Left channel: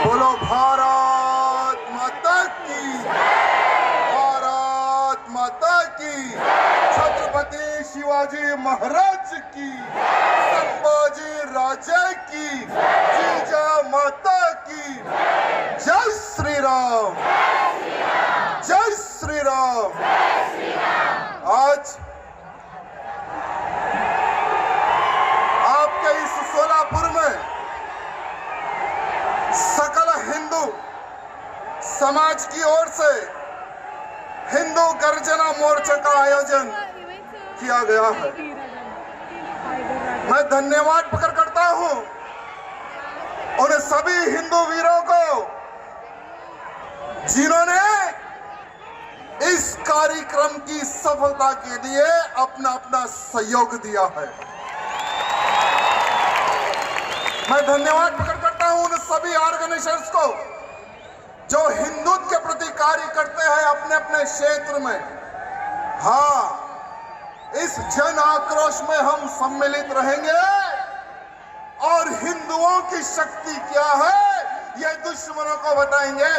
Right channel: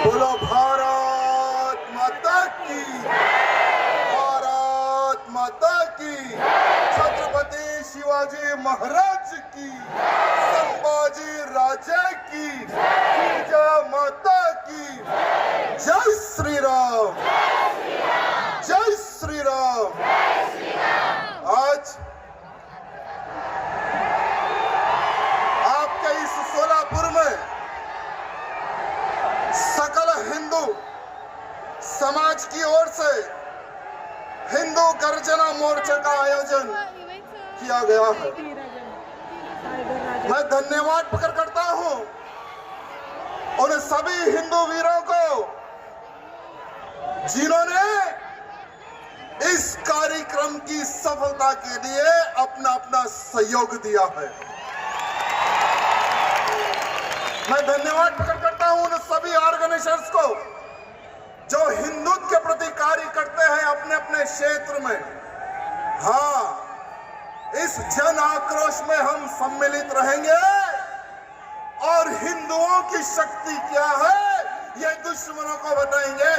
बोलो भारत माता की, भारत माता की, छत्रपति शिवाजी महाराज की, संभाजी राजा की, जीजा माता की, जय श्री राम, जय श्री राम। आज आपके इस सोलापुर में सकल हिंदू समाज की ओर से हिंदू गर्जना मोर्चा का आयोजन किया गया है। मैं धन्यवाद प्रकट करता हूं उन सभी हिंदू वीरों को जिन्होंने इस कार्यक्रम की सफलता के लिए अपना अपना सहयोग दिया है। मैं धन्यवाद प्रकट करता हूं उन सभी ऑर्गेनाइजेशंस को जो हिंदुत्व के प्रति कार्य करते हैं अपने अपने क्षेत्र में। हाँ, इस जन आक्रोश में हम सम्मिलित रहेंगे और हिंदुओं की शक्ति क्या है ये दुश्मनों को बताएंगे।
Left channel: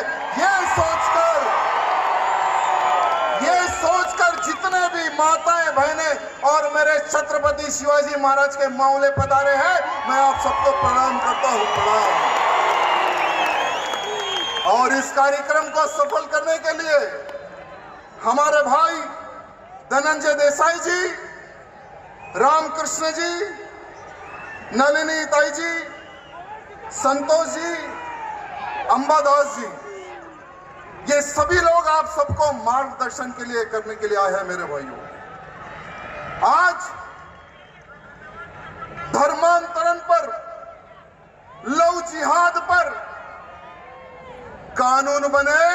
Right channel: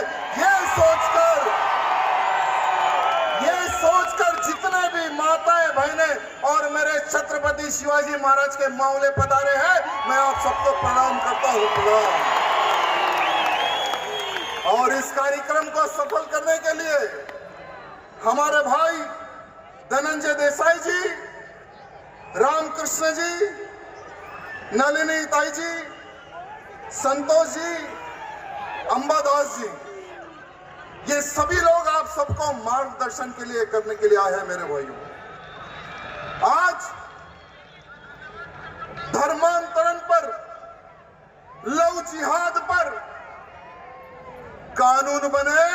ये सोचकर जितने भी माताएं बहनें और मेरे छत्रपति शिवाजी महाराज के मामले पधारे हैं, मैं आप सबको प्रणाम करता हूं, प्रणाम। और इस कार्यक्रम को सफल करने के लिए हमारे भाई धनंजय देसाई जी, रामकृष्ण जी, नलिनी ताई जी, संतोष जी, अंबादास जी, ये सभी लोग आप सबको मार्गदर्शन के लिए करने के लिए आए हैं। मेरे भाइयों, आज धर्मांतरण पर, लव जिहाद पर कानून बने,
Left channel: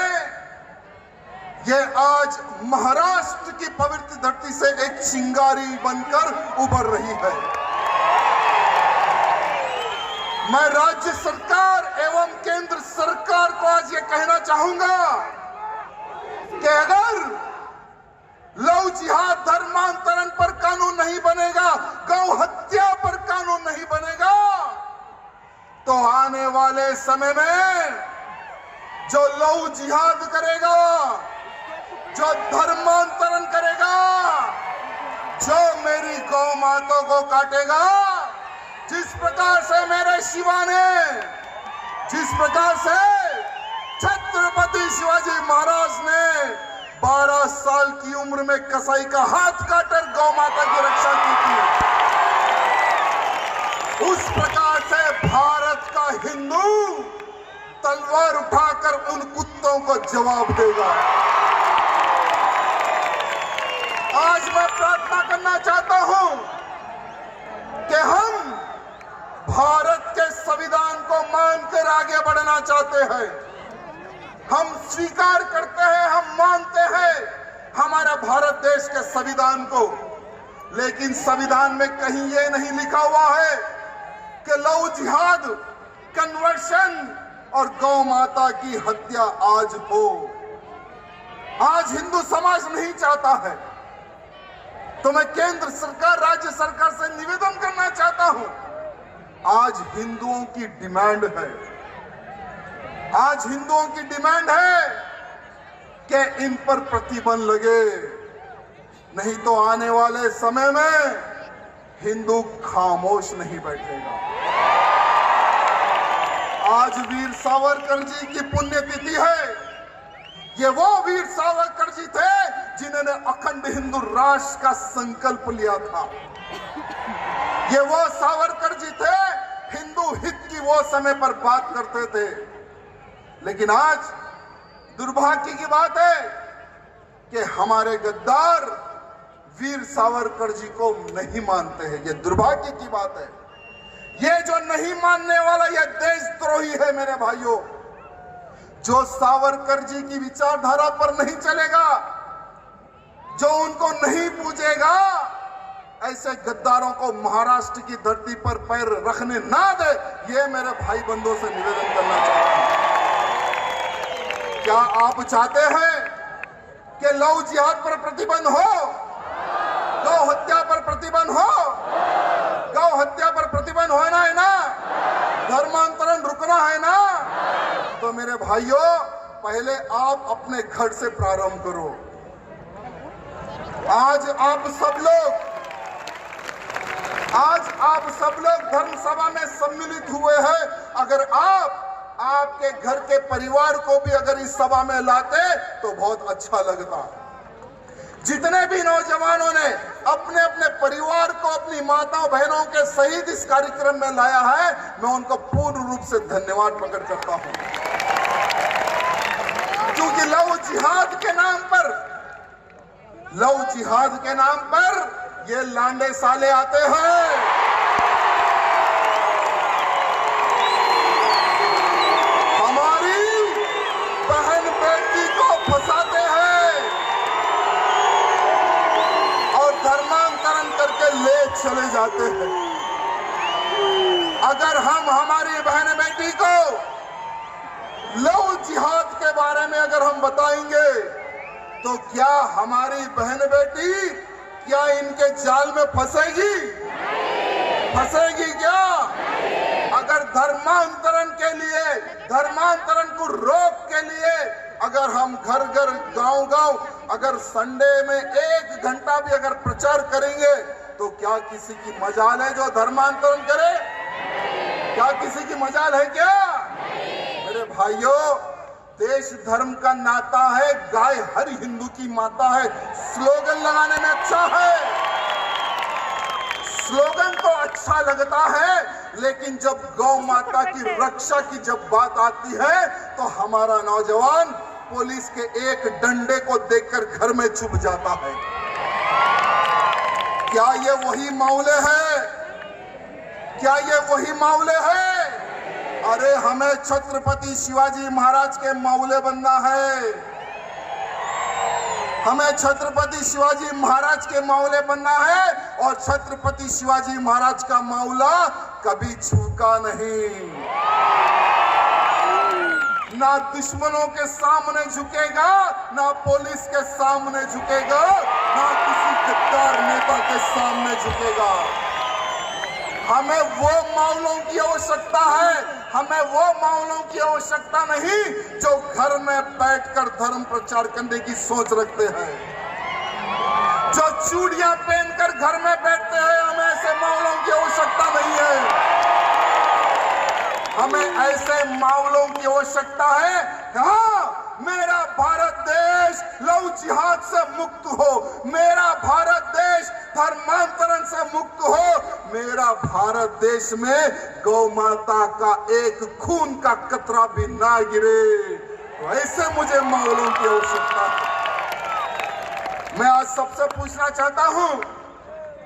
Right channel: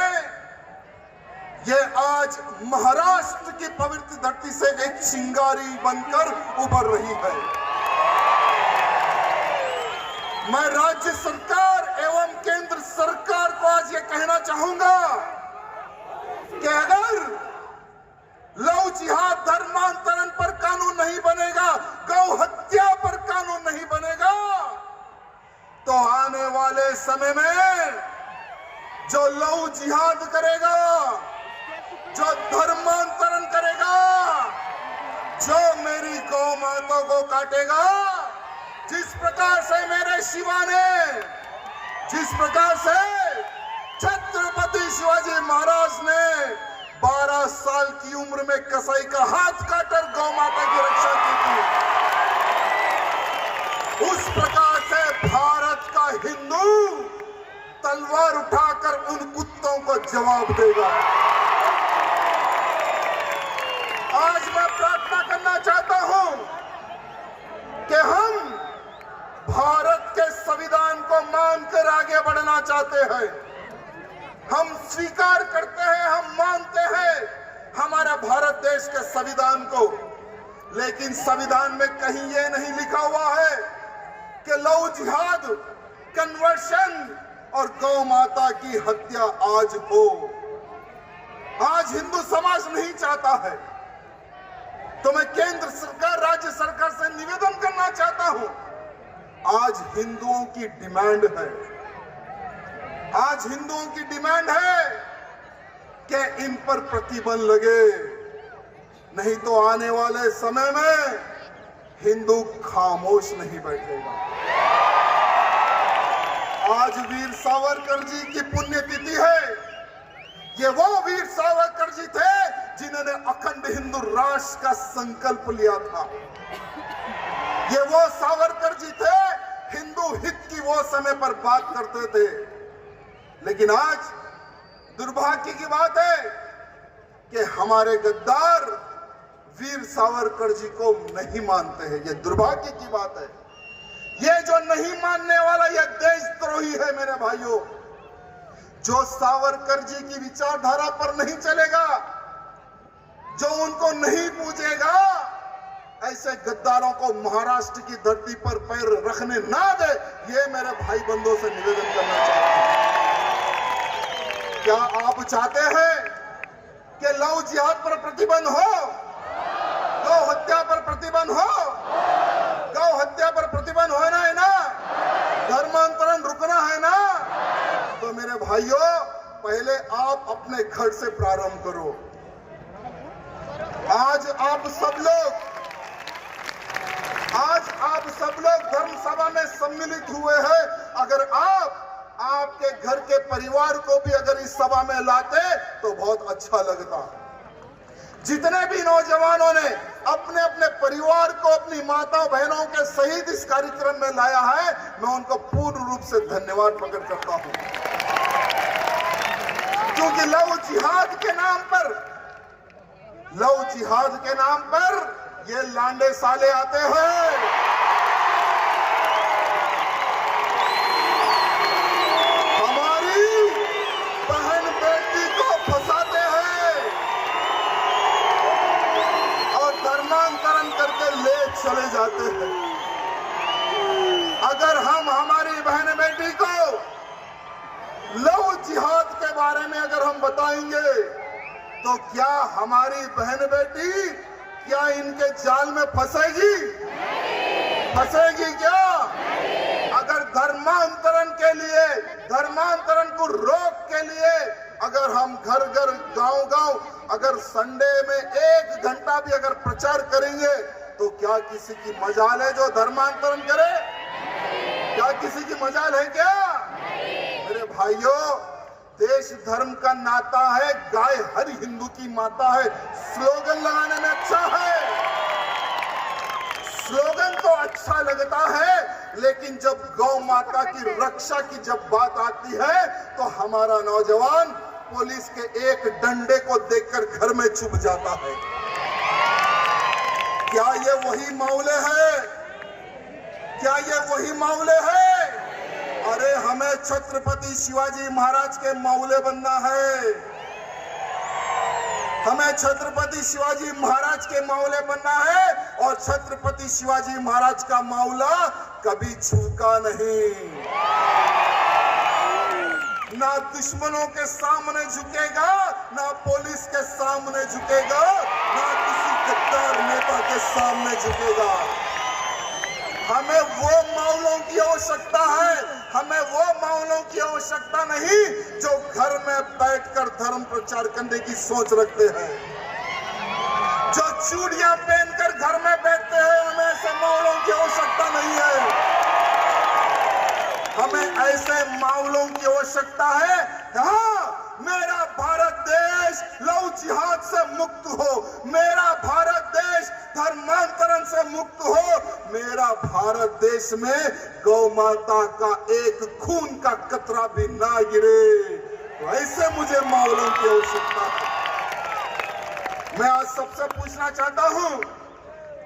ये आज महाराष्ट्र की पवित्र धरती से एक चिंगारी बनकर उभर रही है। मैं राज्य सरकार एवं केंद्र सरकार को आज ये कहना चाहूंगा कि अगर लव जिहाद धर्मांतरण पर कानून नहीं बनेगा, गौ हत्या पर कानून नहीं बनेगा, तो आने वाले समय में जो लव जिहाद करेगा, जो धर्मांतरण करेगा, जो मेरी गौ माता को काटेगा, जिस प्रकार से मेरे शिवा ने, जिस प्रकार से छत्रपति शिवाजी महाराज ने 12 साल की उम्र में कसाई का हाथ काटकर गौ माता की रक्षा की थी, उस प्रकार से भारत का हिंदू तलवार उठाकर उन कुत्तों को जवाब देगा। आज मैं प्रार्थना करना चाहता हूं कि हम भारत के संविधान को मानकर आगे बढ़ना चाहते हैं। हम स्वीकार करते हैं, हम मानते हैं हमारा भारत देश के संविधान को, लेकिन संविधान में कहीं ये नहीं लिखा हुआ है कि लव जिहाद, कन्वर्शन और गौ माता की हत्या आज हो। आज हिंदू समाज नहीं चाहता है, तो मैं केंद्र सरकार, राज्य सरकार से निवेदन करना चाहता हूं, आज हिंदुओं की डिमांड है, आज हिंदुओं की डिमांड है कि इन पर प्रतिबंध लगे, नहीं तो आने वाले समय में हिंदू खामोश नहीं बैठेगा। आज वीर सावरकर जी की पुण्यतिथि है। ये वो वीर सावरकर जी थे जिन्होंने अखंड हिंदू राष्ट्र का संकल्प लिया था। ये वो सावरकर जी थे हिंदू हित की वो समय पर बात करते थे, लेकिन आज दुर्भाग्य की बात है कि हमारे गद्दार वीर सावरकर जी को नहीं मानते हैं। ये दुर्भाग्य की बात है। ये जो नहीं मानने वाला ये देशद्रोही है मेरे भाइयों। जो सावरकर जी की विचारधारा पर नहीं चलेगा, जो उनको नहीं पूजेगा, ऐसे गद्दारों को महाराष्ट्र की धरती पर पैर रखने ना दे, ये मेरे भाई बंधुओं से निवेदन करना चाहता हूं। क्या आप चाहते हैं कि लव जिहाद पर प्रतिबंध हो, गौ हत्या पर प्रतिबंध हो? गौ हत्या पर प्रतिबंध होना है ना, धर्मांतरण रुकना है ना, तो मेरे भाइयों, पहले आप अपने घर से प्रारंभ करो। आज आप सब लोग धर्म सभा में सम्मिलित हुए हैं। अगर आपके घर के परिवार को भी अगर इस सभा में लाते तो बहुत अच्छा लगता। जितने भी नौजवानों ने अपने अपने परिवार को, अपनी माताओं बहनों के सहित इस कार्यक्रम में लाया है, मैं उनको पूर्ण रूप से धन्यवाद प्रकट करता हूं। क्योंकि लव जिहाद के नाम पर ये लांडे साले आते हैं। हमारी बहन बेटी को फंसाते हैं और धर्मांतरण करके ले चले जाते हैं। अगर हम हमारी बहन बेटी को लव जिहाद के बारे में अगर हम बताएंगे तो क्या हमारी बहन बेटी क्या इनके जाल में फंसेगी क्या? अगर धर्मांतरण को रोक के लिए अगर हम घर गांव अगर संडे में 1 घंटा भी अगर प्रचार करेंगे तो क्या किसी की मजाल है जो धर्मांतरण करे? क्या किसी की मजाल है क्या? मेरे भाइयों, देश धर्म का नाता है, गाय हर हिंदू की माता है। स्लोगन लगाने में अच्छा है, स्लोगन तो अच्छा लगता है, लेकिन जब गौ माता की रक्षा की जब बात आती है तो हमारा नौजवान पुलिस के एक डंडे को देखकर घर में छुप जाता है। क्या ये वही मामले है? क्या ये वही मामले है? अरे हमें छत्रपति शिवाजी महाराज के मामले बनना है। हमें छत्रपति शिवाजी महाराज के मामले बनना है और छत्रपति शिवाजी महाराज का मामला कभी झुका नहीं। ना दुश्मनों के सामने झुकेगा, ना पुलिस के सामने झुकेगा, ना किसी गद्दार नेता के सामने झुकेगा। हमें वो मामलों की आवश्यकता है, हमें वो मामलों की आवश्यकता नहीं जो घर में बैठकर धर्म प्रचार करने की सोच रखते हैं, जो चूड़ियां पहनकर घर में बैठते हैं। हमें ऐसे मामलों की आवश्यकता नहीं है। हमें ऐसे मामलों की आवश्यकता है। हाँ, मेरा भारत देश लव जिहाद से मुक्त हो, मेरा भारत देश धर्मांतरण से मुक्त हो, मेरा भारत देश में गौ माता का एक खून का कतरा भी ना गिरे। तो ऐसे मुझे मामलों की आवश्यकता है। मैं आज सबसे पूछना चाहता हूं,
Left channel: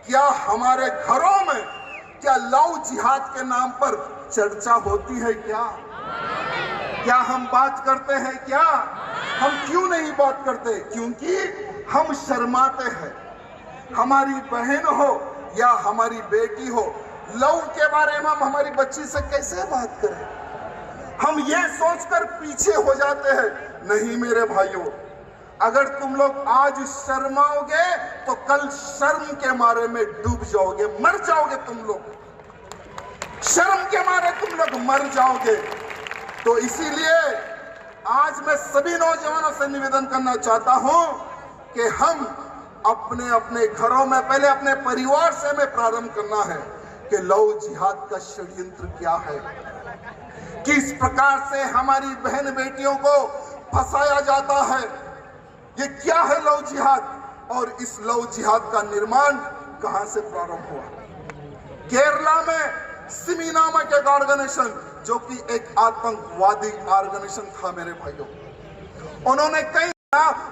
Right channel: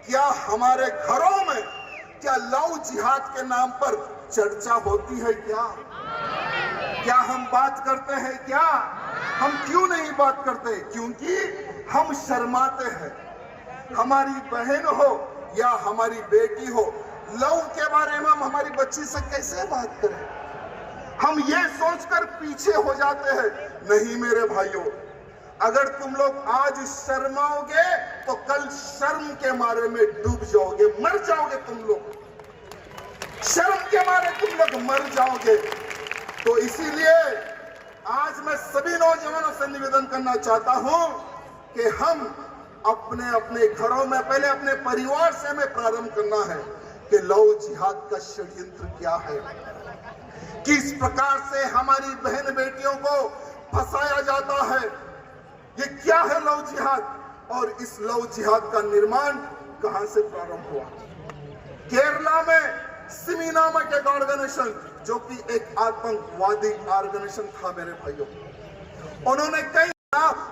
क्या हमारे घरों में क्या लव जिहाद के नाम पर चर्चा होती है? क्या हम बात करते हैं? क्या हम क्यों नहीं बात करते? क्योंकि हम शर्माते हैं। हमारी बहन हो या हमारी बेटी हो, लव के बारे में हम हमारी बच्ची से कैसे बात करें? हम ये सोचकर पीछे हो जाते हैं। नहीं मेरे भाइयों, अगर तुम लोग आज शर्माओगे तो कल शर्म के मारे में डूब जाओगे, मर जाओगे। तुम लोग शर्म के मारे तुम लोग मर जाओगे। तो इसीलिए आज मैं सभी नौजवानों से निवेदन करना चाहता हूं कि हम अपने अपने घरों में पहले अपने परिवार से हमें प्रारंभ करना है कि लव जिहाद का षड्यंत्र क्या है, किस प्रकार से हमारी बहन बेटियों को फंसाया जाता है, ये क्या है लव जिहाद, और इस लव जिहाद का निर्माण कहां से प्रारंभ हुआ। केरला में सिमी नामक एक ऑर्गेनाइजेशन, जो कि एक आतंकवादी ऑर्गेनाइजेशन था मेरे भाइयों, उन्होंने कई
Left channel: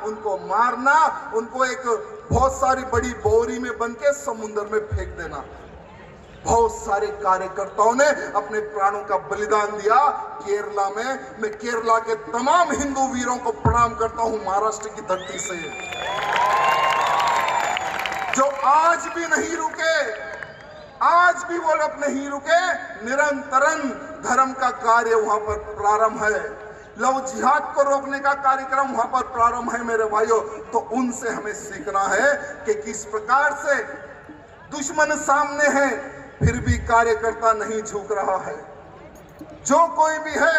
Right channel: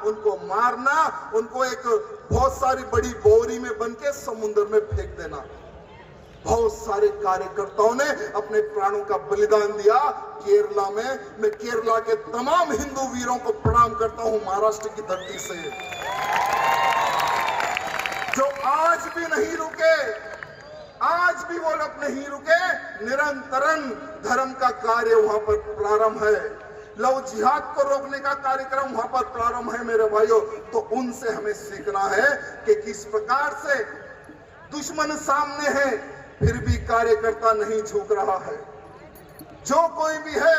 उनको मारना, उनको एक बहुत सारी बड़ी बोरी में बन के समुद्र में फेंक देना। बहुत सारे कार्यकर्ताओं ने अपने प्राणों का बलिदान दिया केरला में। मैं केरला के तमाम हिंदू वीरों को प्रणाम करता हूं महाराष्ट्र की धरती से, जो आज भी नहीं रुके, आज भी वो लोग नहीं रुके। निरंतरन धर्म का कार्य वहां पर प्रारंभ है, लव जिहाद को रोकने का कार्यक्रम वहां पर प्रारंभ है मेरे भाइयों। तो उनसे हमें सीखना है कि किस प्रकार से दुश्मन सामने है फिर भी कार्यकर्ता नहीं झुक रहा है। जो कोई भी है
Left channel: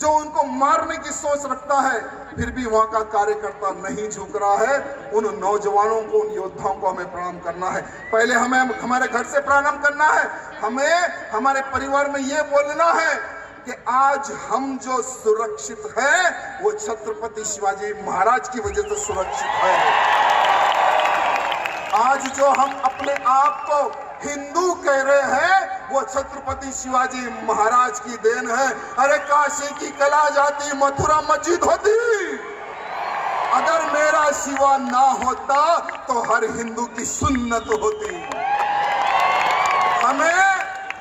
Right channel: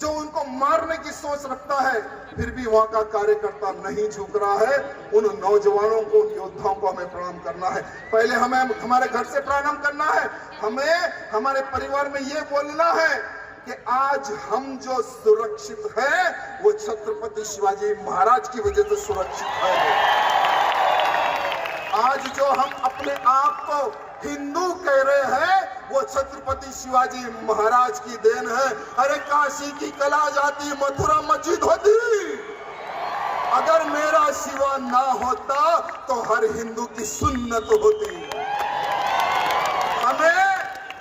जो उनको मारने की सोच रखता है, फिर भी वहां का कार्यकर्ता नहीं झुक रहा है। उन नौजवानों को, उन योद्धाओं को हमें प्रणाम करना है। पहले हमें हमारे घर से प्रणाम करना है। हमें हमारे परिवार में ये बोलना है कि आज हम जो सुरक्षित है वो छत्रपति शिवाजी महाराज की वजह से सुरक्षित है। आज जो हम अपने आप को हिंदू कह रहे हैं वो छत्रपति शिवाजी महाराज की देन है। अरे काशी की कला जाती, मथुरा मस्जिद होती, अगर मेरा शिवा ना होता तो हर हिंदू की सुन्नत होती। हमें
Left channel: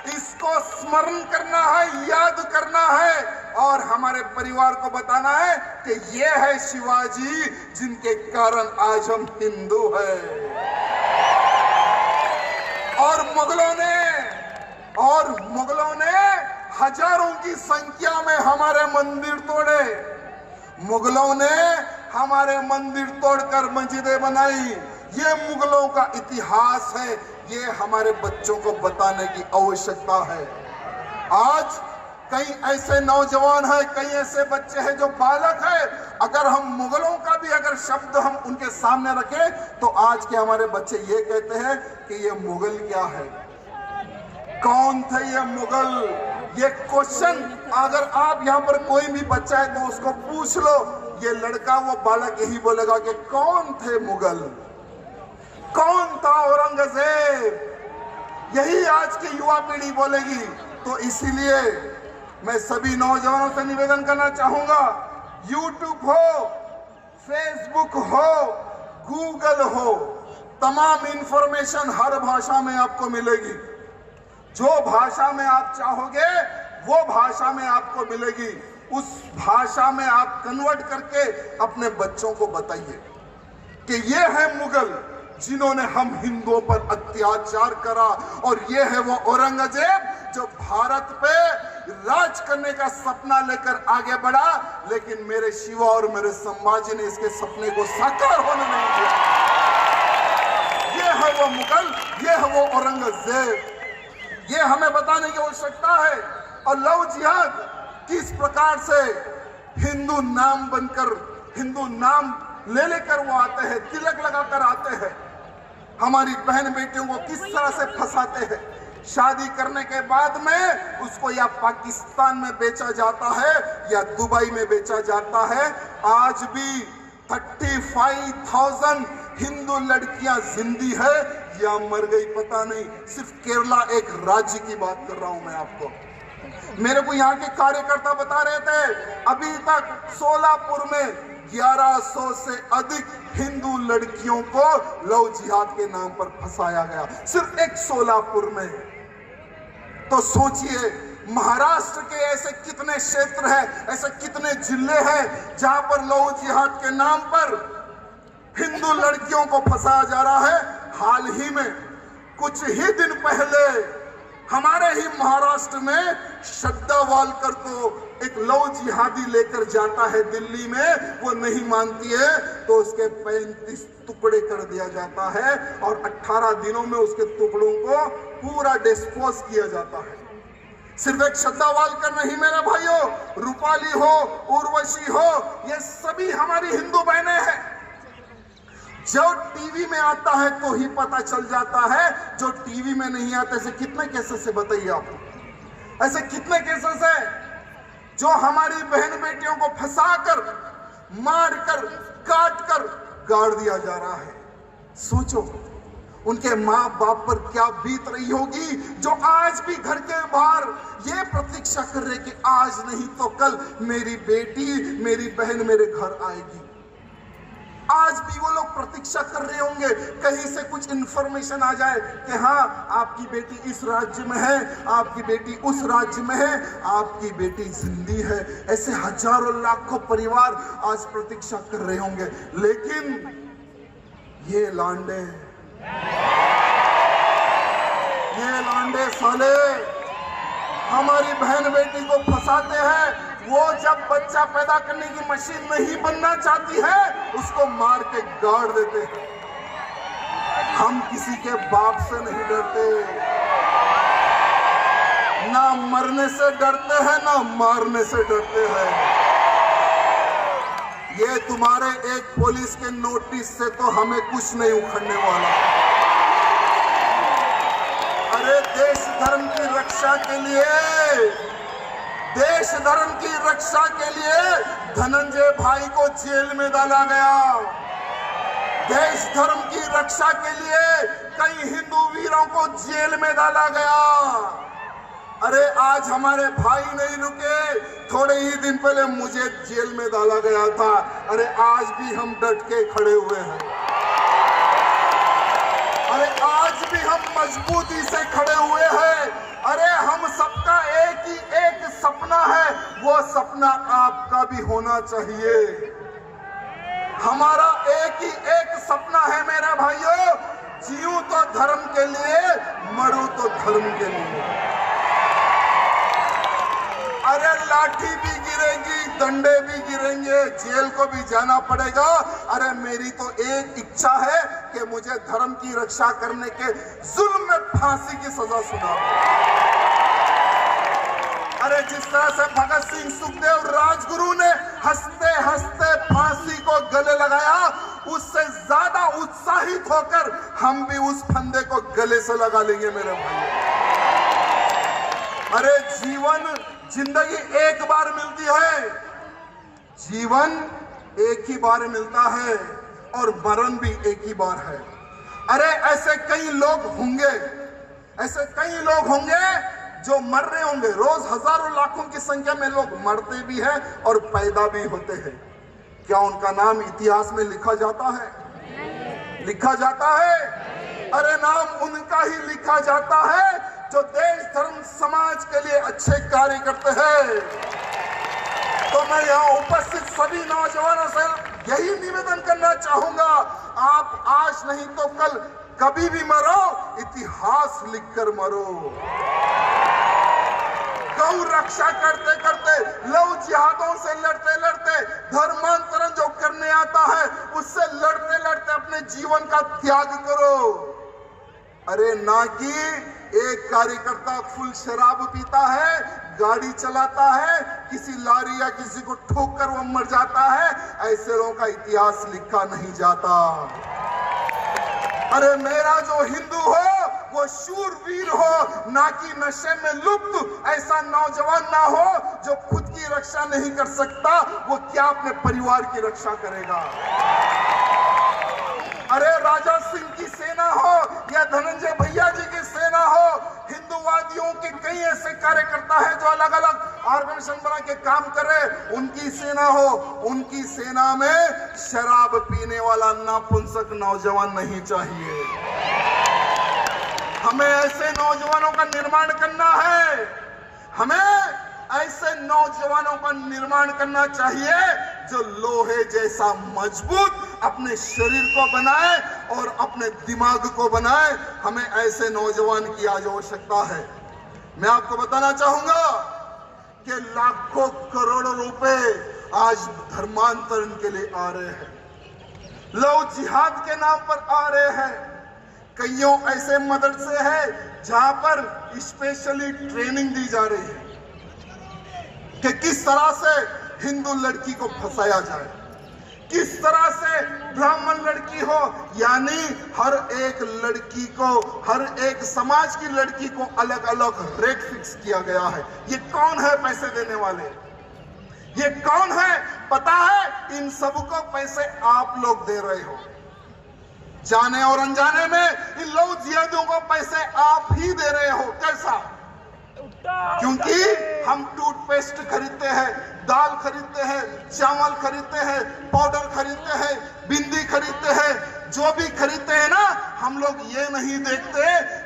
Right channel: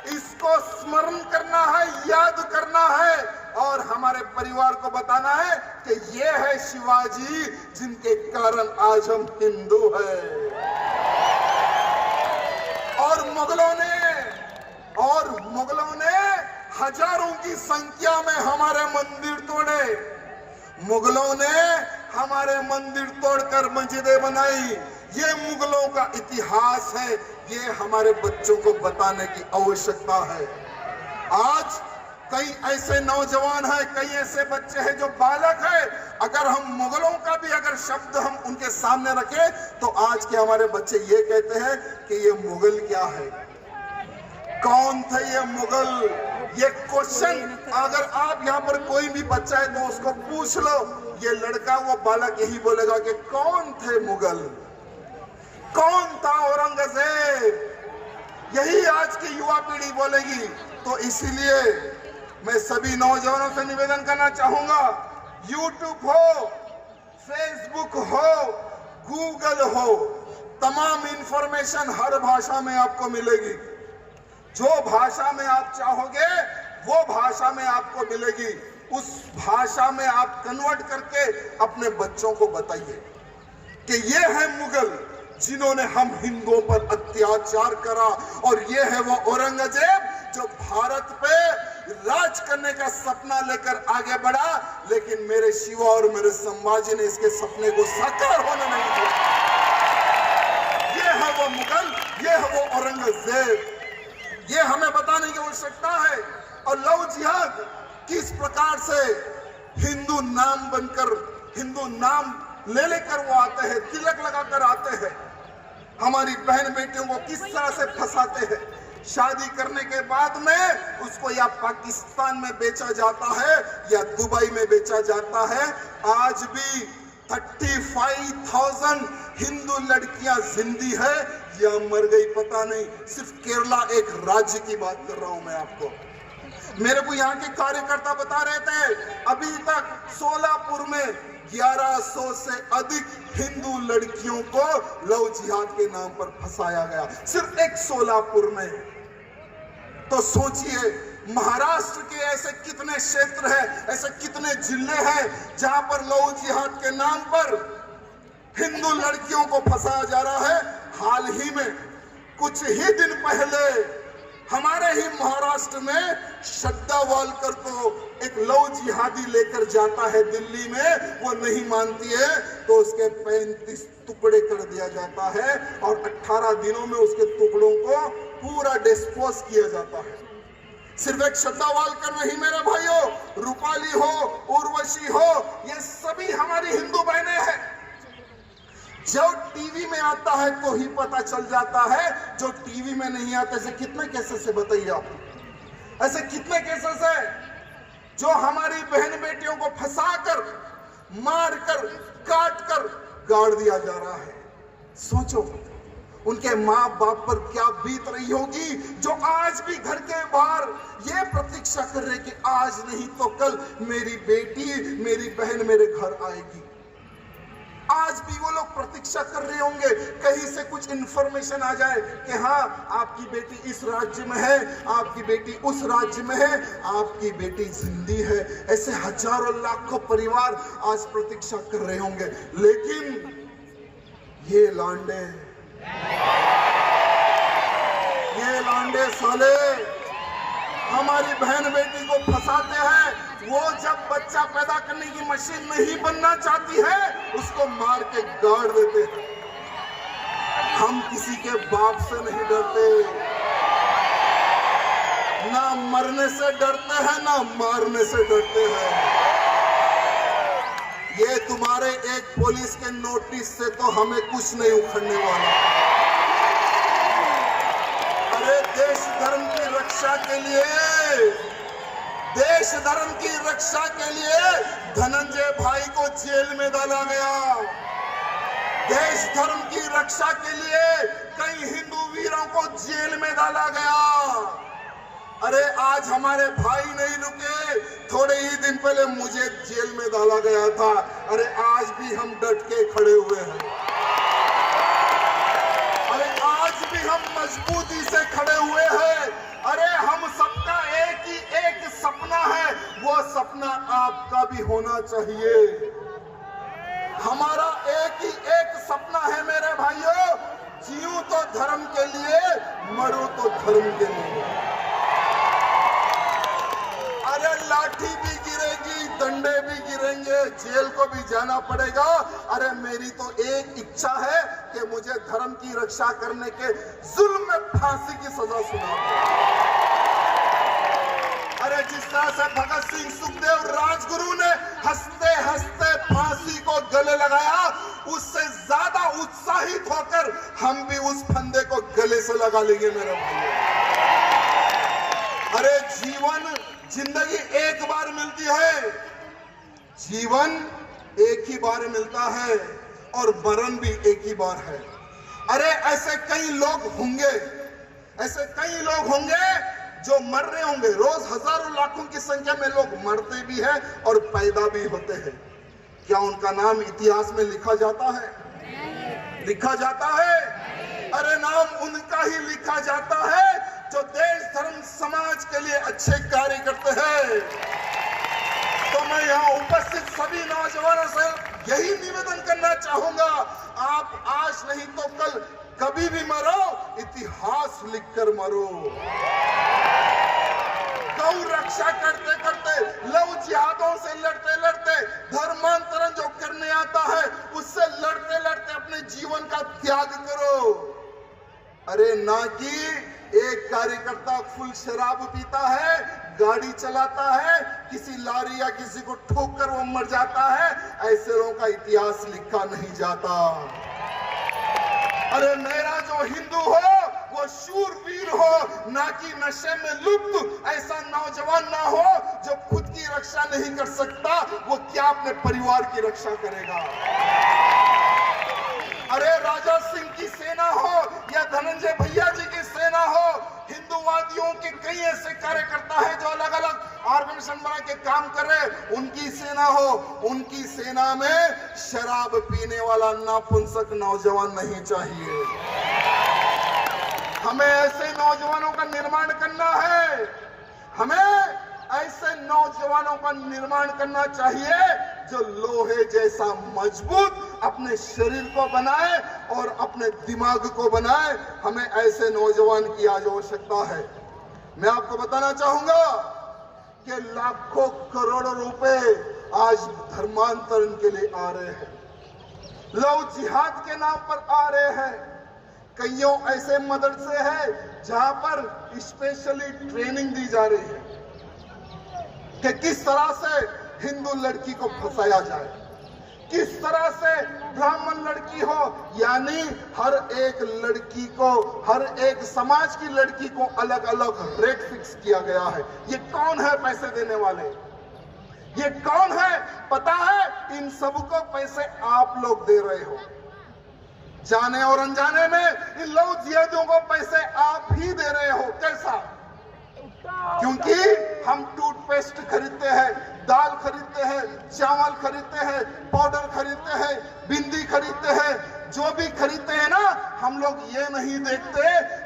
इसको स्मरण करना है, याद करना है और हमारे परिवार को बताना है कि ये है शिवाजी जिनके कारण आज हम हिंदू हैं। और मुगलों ने हजारों की संख्या में हमारे मंदिर तोड़े। मुगलों ने हमारे मंदिर तोड़कर मस्जिदें बनाई। ये मुगलों का इतिहास है, ये हमारे बच्चों को बताने की आवश्यकता है। आज कई ऐसे नौजवान हैं, कई ऐसे बच्चे हैं जो बालक हैं, अगर हम मुगलों का भी अगर शब्द हम उनके सामने रखें तो आज के हमारे बच्चे ये कहते हैं कि ये मुगल क्या है, कौन थे ये मुगल। ये क्वेश्चन अगर आप यहाँ पर कोई भी बच्चा है तो उसको पूछ लो, ये लड़का वो बालक यही बोलेगा कि कौन थे मुगल, कौन था औरंगजेब। यही आज की युवा पीढ़ी बोलेगी। तो इसीलिए मैं सभी नौजवानों से निवेदन करना चाहूंगा, यूट्यूब हो, फेसबुक हो, गूगल हो, तमाम इंफॉर्मेशन हर भाषा में आपको मिलेगी। जो भाषा में आप चाहोगे वो भाषा में आपको मिलेगी। उस भाषा में आप कन्वर्ट करके अपने बच्चों को बताइए कि ये है मुगल जिन्होंने हम हिंदुओं पर अत्याचार करा, और ये है वो औरंगजेब जो भारत पे राज करने का सपना लेकर आगे बढ़ा, लेकिन मेरे शिवा और मेरे संभाजी ने इसके सपने को साकार होने नहीं दिया। ये है वो मुगल, ये है वो औरंगजेब। ये हमें बताने की आवश्यकता है। और लव जिहाद किस प्रकार से हिंदू नाम बनकर, हिंदू नाम ले लेकर वो आते हैं, तिलक लगाकर आते हैं, हमारी बहन बेटियों को किस तरह से फंसाते हैं। शादी करने के बाद में उसको या पाकिस्तान में बेचा जाता है या दुबई में बेचा जाता है। आज भी 35,000 हिंदू लड़कियां जिंदी है या मर गई पता नहीं। सिर्फ केरला एक राज्य की बात कर रहा हूं मैं आपको। मेरे को यहाँ के कार्यकर्ता बता रहे थे अभी तक सोलापुर में 1100 से अधिक हिंदू लड़कियों को लव जिहाद के नाम पर फंसाया गया, सिर्फ एक सोलापुर में। तो सोचिए महाराष्ट्र के ऐसे कितने क्षेत्र हैं, ऐसे कितने जिले हैं जहां पर लव जिहाद के नाम पर हिंदू लड़कियों को फंसाया जा रहा है। हाल ही में कुछ ही दिन पहले हमारे ही महाराष्ट्र में श्रद्धा वालकर को एक लव जिहादी लेकर जाता है दिल्ली में, वो नहीं मानती है तो उसके 35 टुकड़े कर दिया जाता है और 18 दिनों में उसके टुकड़ों को पूरा डिस्पोज किया जाता है। सिर्फ एक श्रद्धा वालकर नहीं मेरे भाइयों, रूपाली हो, उर्वशी हो, ये सभी हमारी हिंदू बहनें हैं। जो टीवी में आता है तो ही पता चल जाता है, जो टीवी में नहीं आता। ऐसे कितने केसेस है बताइए आप, ऐसे कितने केसेस है जो हमारी बहन बेटियों को फंसाकर, मारकर, काटकर गाड़ दिया जा रहा है। सोचो उनके माँ बाप पर क्या बीत रही होगी, जो आज भी घर के बाहर ये प्रतीक्षा कर रहे कि आज नहीं तो कल मेरी बेटी, मेरी बहन मेरे घर आएगी। आज भी वो लोग प्रतीक्षा कर रहे होंगे कहीं से कुछ इंफॉर्मेशन आ जाए कि हाँ आपकी बेटी इस राज्य में है, आपकी बेटी उस राज्य में है, आपकी बेटी जिंदी है। ऐसे हजारों लाखों परिवार आज प्रतीक्षा कर रहे होंगे। लेकिन ये लांडे साले हमारी बहन बेटी को फंसाते हैं। वो जब बच्चा पैदा करने की मशीन नहीं बनना चाहती है उसको मार के गाड़ देते हैं। हम किसी के बाप से नहीं डरते, ना मरने से डरते हैं ना मारने से डरते हैं। ये तुम्हारे एक पुलिस के नोटिस से तो हमें कुछ नहीं उखड़ने वाला। अरे देश धर्म की रक्षा के लिए, देश धर्म की रक्षा के लिए धनंजय भाई को जेल में डाला गया। देश धर्म की रक्षा के लिए कई हिंदू वीरों को जेल में डाला गया। अरे आज हमारे भाई नहीं रुके, थोड़े ही दिन पहले मुझे जेल में डाला गया था। अरे आज भी हम डट के खड़े हुए हैं। अरे आज भी हम मजबूती से खड़े हुए हैं। अरे हम सबका एक ही एक सपना है, वो सपना आपका भी होना चाहिए। हमारा एक ही एक सपना है मेरे भाइयों, जीऊं तो धर्म के लिए, मरूं तो धर्म के लिए। अरे लाठी भी गिरेगी, डंडे भी गिरेंगे, जेल को भी जाना पड़ेगा। अरे मेरी तो एक इच्छा है कि मुझे धर्म की रक्षा करने के जुल्म में फांसी की सजा सुना दो। अरे जिस तरह से भगत सिंह, सुखदेव, राजगुरु ने हंसते हंसते फांसी को गले लगाया, उससे ज्यादा उत्साहित होकर हम भी उस फंदे को गले से लगा लेंगे मेरे भाइयों। अरे जिंदगी एक बार मिलती है, जीवन एक ही बार मिलता है और मरण भी एक ही बार है। अरे ऐसे कई लोग होंगे जो मर रहे होंगे। रोज हजारों लाखों की संख्या में लोग मरते भी हैं और पैदा भी होते हैं। क्या उनका नाम इतिहास में लिखा जाता है? लिखा जाता है? अरे नाम उनका ही लिखा जाता है जो देश धर्म समाज के लिए अच्छे कार्य करते हैं। तो मैं यहाँ उपस्थित सभी नौजवानों से यही निवेदन करना चाहूंगा, आप आज नहीं तो कल कभी भी मरो, इतिहास लिखकर मरो। गौ रक्षा करते करते, लव जिहादों से लड़ते लड़ते, धर्मांतरण जो करने आता है उससे लड़ते लड़ते अपने जीवन का त्याग करो। अरे ना कि एक कार्यकर्ता फुल शराब पीता है, गाड़ी चलाता है, किसी लारी या किसी को ठोक कर वो मर जाता है, ऐसे लोगों का इतिहास लिखा नहीं जाता। अरे मेरा जो हिंदू हो वो शूरवीर हो, ना कि नशे में लुप्त ऐसा नौजवान ना हो जो खुद की रक्षा नहीं कर सकता, वो क्या अपने परिवार की रक्षा करेगा। अरे राजा सिंह की सेना हो या धनंजय भैया जी की सेना हो, हिंदूवादियों के कई ऐसे कार्यकर्ता है जो अलग अलग ऑर्गेनाइजेशन बना के काम कर रहे, उनकी सेना हो, उनकी सेना में शराब पीने वाला नापुंसक नौजवान नहीं चाहिए। हमें ऐसे नौजवानों का निर्माण करना है। हमें ऐसे नौजवानों का निर्माण करना चाहिए जो लोहे जैसा मजबूत अपने शरीर को बनाए और अपने दिमाग को बनाए। हमें ऐसे नौजवान की आज आवश्यकता है। मैं आपको बताना चाहूंगा कि लाखों करोड़ों रुपए आज धर्मांतरण के लिए आ रहे हैं, लव जिहाद के नाम पर आ रहे हैं। कईयों ऐसे मदरसे हैं जहां पर स्पेशली ट्रेनिंग दी जा रही है कि किस तरह से हिंदू लड़की को फंसाया जाए, किस तरह से ब्राह्मण लड़की हो, यानी हर एक लड़की को, हर एक समाज की लड़की को अलग अलग रेट फिक्स किया गया है। ये कौन है पैसे देने वाले? ये कौन है पता है? इन सबको पैसे आप लोग दे रहे हो। जाने और अनजाने में इन लव जिहादियों को पैसे आप ही दे रहे हो। कैसा? क्योंकि हम टूथपेस्ट खरीदते हैं, दाल खरीदते हैं, चावल खरीदते हैं, पाउडर खरीदते हैं, बिंदी खरीदते हैं, जो भी खरीदते हैं ना, हम लोग ये नहीं देखते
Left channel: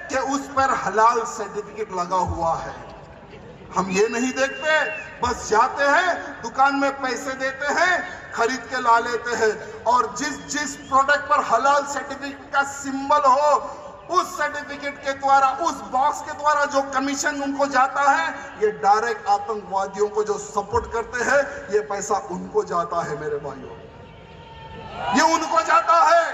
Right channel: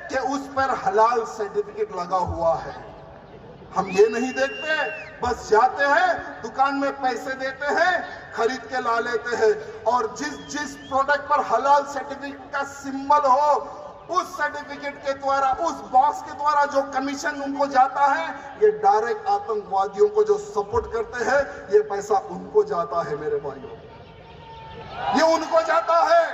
कि उस पर हलाल सर्टिफिकेट लगा हुआ है। हम ये नहीं देखते, बस जाते हैं दुकान में पैसे देते हैं, खरीद के ला लेते हैं, और जिस प्रोडक्ट पर हलाल सर्टिफिकेट का सिंबल हो, उस सर्टिफिकेट के द्वारा, उस बॉक्स के द्वारा जो कमीशन उनको जाता है, ये डायरेक्ट आतंकवादियों को जो सपोर्ट करते हैं, ये पैसा उनको जाता है मेरे भाइयों, ये उनको जाता है।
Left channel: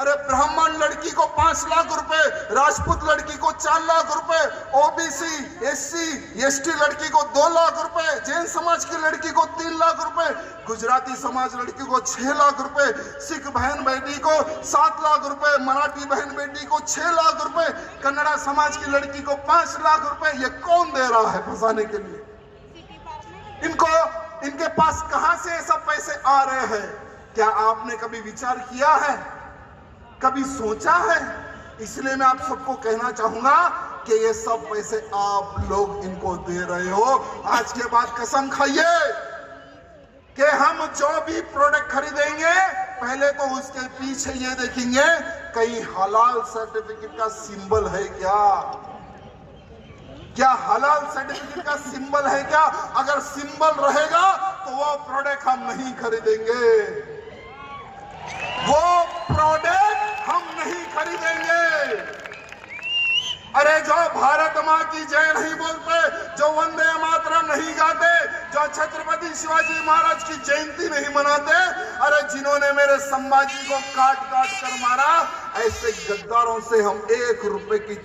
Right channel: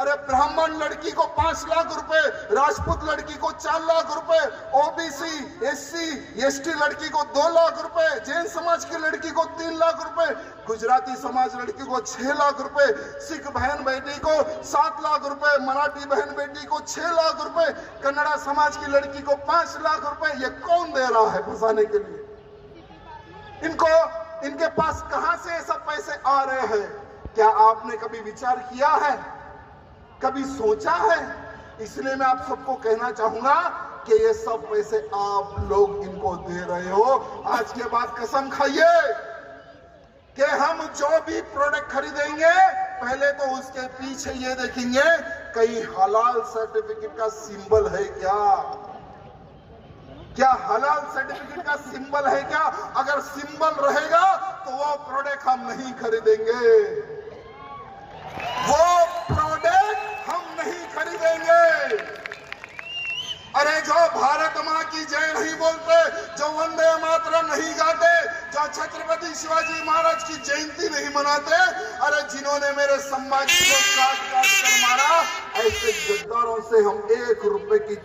अरे ब्राह्मण लड़की को 5 लाख रुपए, राजपूत लड़की को 4 लाख रुपए, ओबीसी एससी एसटी लड़की को 2 लाख रुपए, जैन समाज की लड़की को 3 लाख रुपए, गुजराती समाज लड़की को 6 लाख रुपए, सिख बहन बेटी को 7 लाख रुपए, मराठी बहन बेटी को 6 लाख रुपए, कन्नड़ा समाज की लड़की को 5 लाख रुपए। ये कौन दे रहा है फंसाने के लिए? इनके पास कहां से ये सब पैसे आ रहे हैं? क्या आपने कभी विचार किया है, कभी सोचा है? इसलिए मैं आप सबको कहना चाहूंगा कि ये सब पैसे आप लोग इनको दे रहे हो। आज के बाद कसम खाइए कि हम जो भी प्रोडक्ट खरीदेंगे पहले तो उसके पीछे ये देखेंगे कहीं हलाल सर्टिफिकेट का सिंबल है क्या हलाल सर्टिफिकेट का सिंबल है क्या? अगर सिंबल रहेगा तो वो प्रोडक्ट हम नहीं खरीदेंगे, वो प्रोडक्ट हम नहीं खरीदेंगे। अरे जो भारत माँ की जय नहीं बोलते, जो वंदे मातरम नहीं गाते, जो छत्रपति शिवाजी महाराज की जयंती नहीं मनाते, अरे जिन्होंने मेरे संभाजी को काट काट कर मारा, ऐसे गद्दारों से हम 1 रुपए की